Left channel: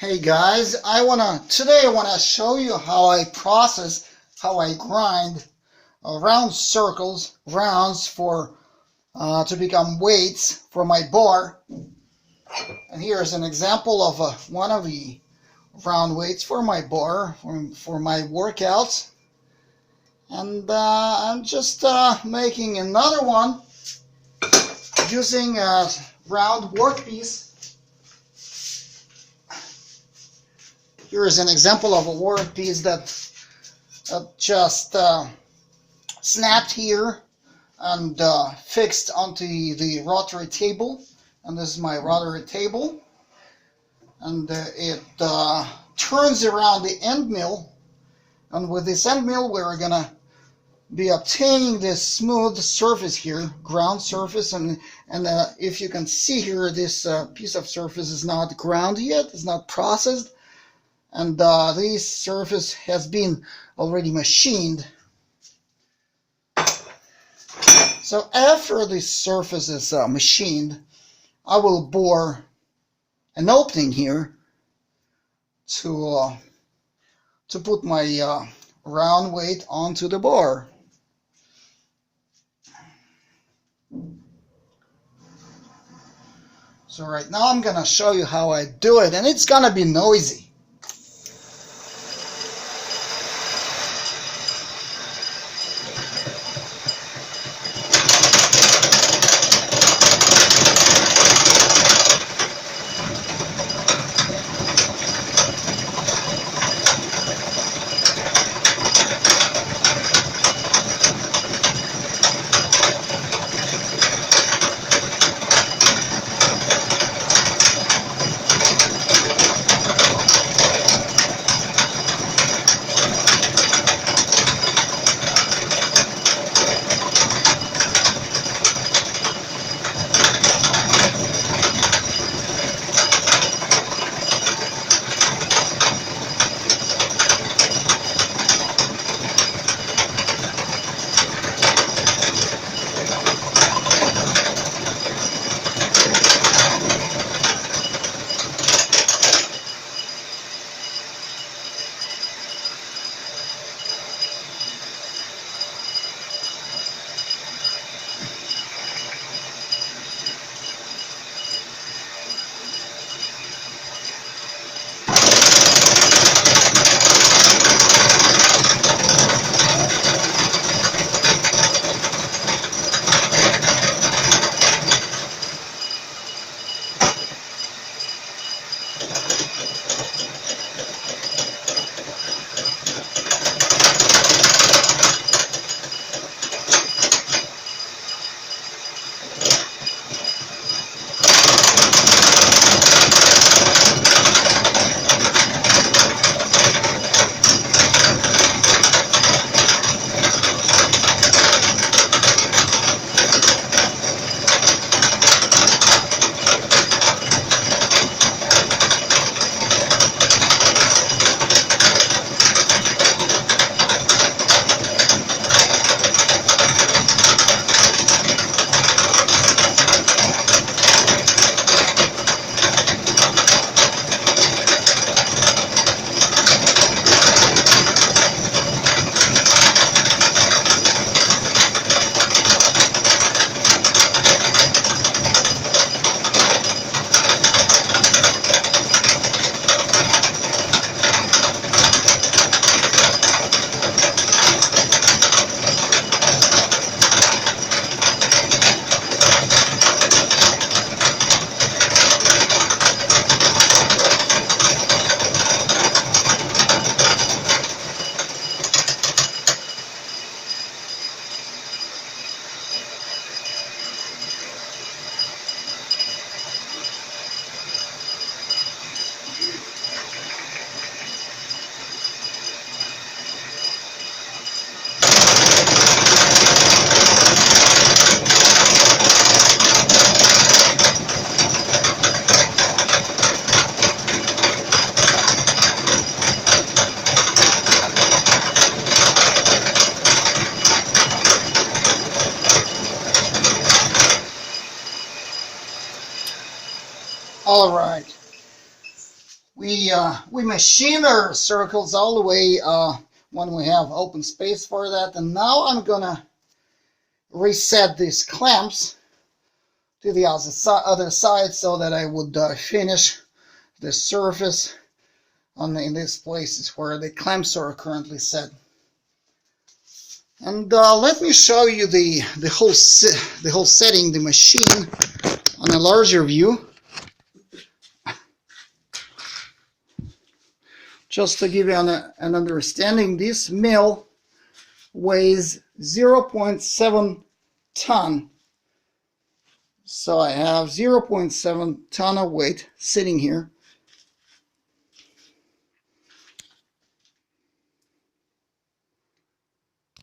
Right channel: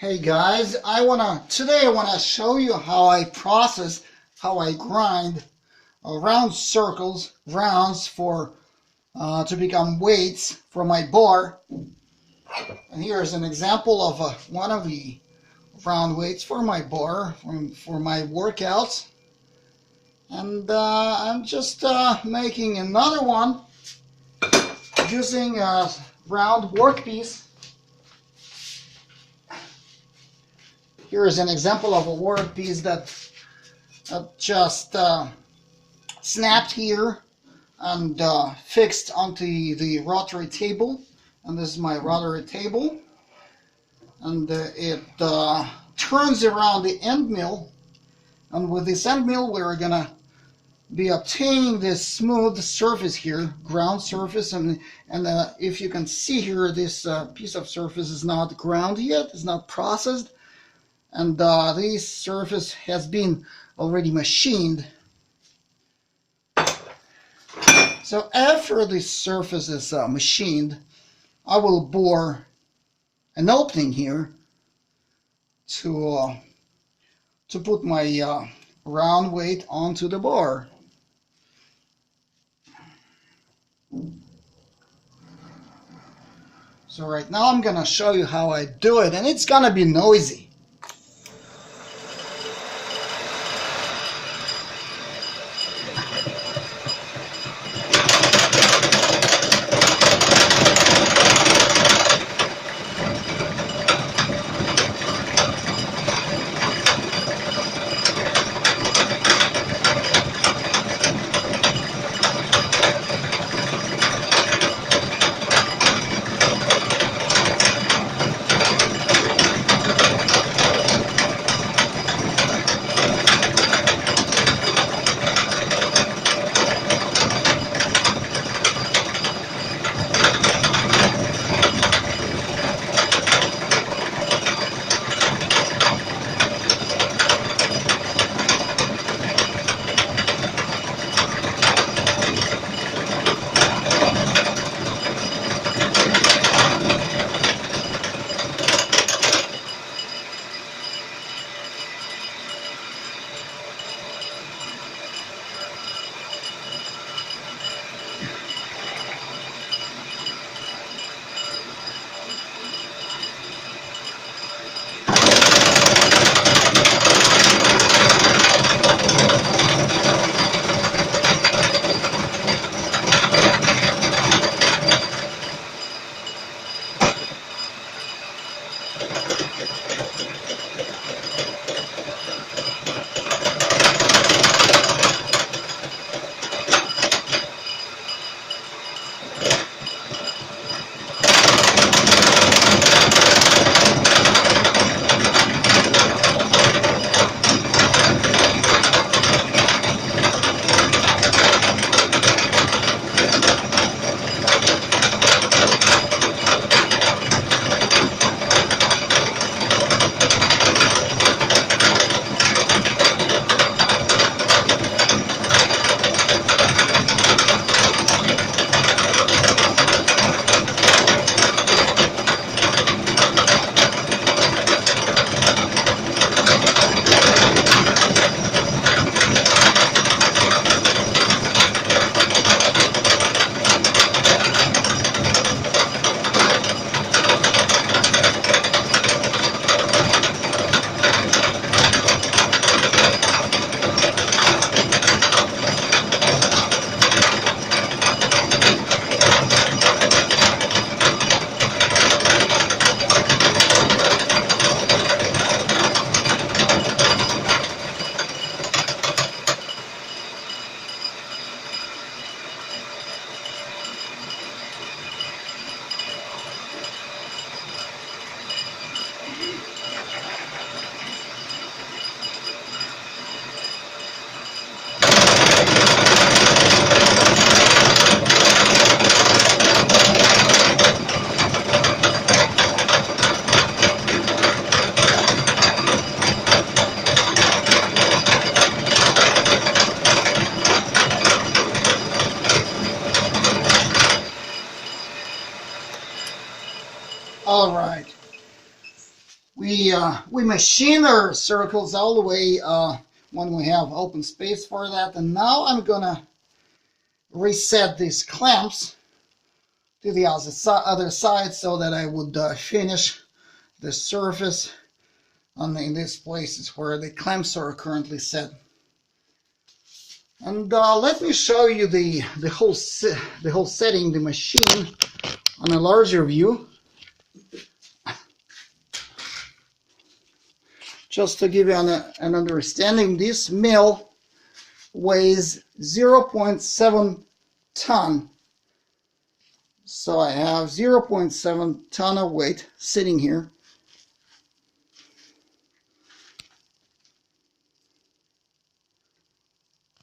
Hey guys, today I wanna show you how I grind round circles, rounds for to become weights for my bar. And here's an example of one of the round weights for my bar for my workouts. And I'm just making another one using a round workpiece. Here is an example of a workpiece that just snapped here and fixed onto the rotary table. And this is my rotary table. And it turns around the end mill. And with this end mill, we're going to be obtaining this smooth surface here, ground surface. And if you can see here, this piece of surface is not ground yet, it's not processed. And this surface has been already machined. So after this surface is machined, I will bore an opening here to put my round weight onto the bar. So right now I'm gonna show you how I do it, and it's gonna be noisy. All right. we machine our circles all the way when we have open space for that. And now I'm gonna reset these clamps to the other side so that I would finish the surface in these places where the clamps are currently set. And let me show you the whole setting, the machine, on a larger view. Just to give you an understanding, this mill weighs 0.7 ton. So I have 0.7 ton of weight sitting here.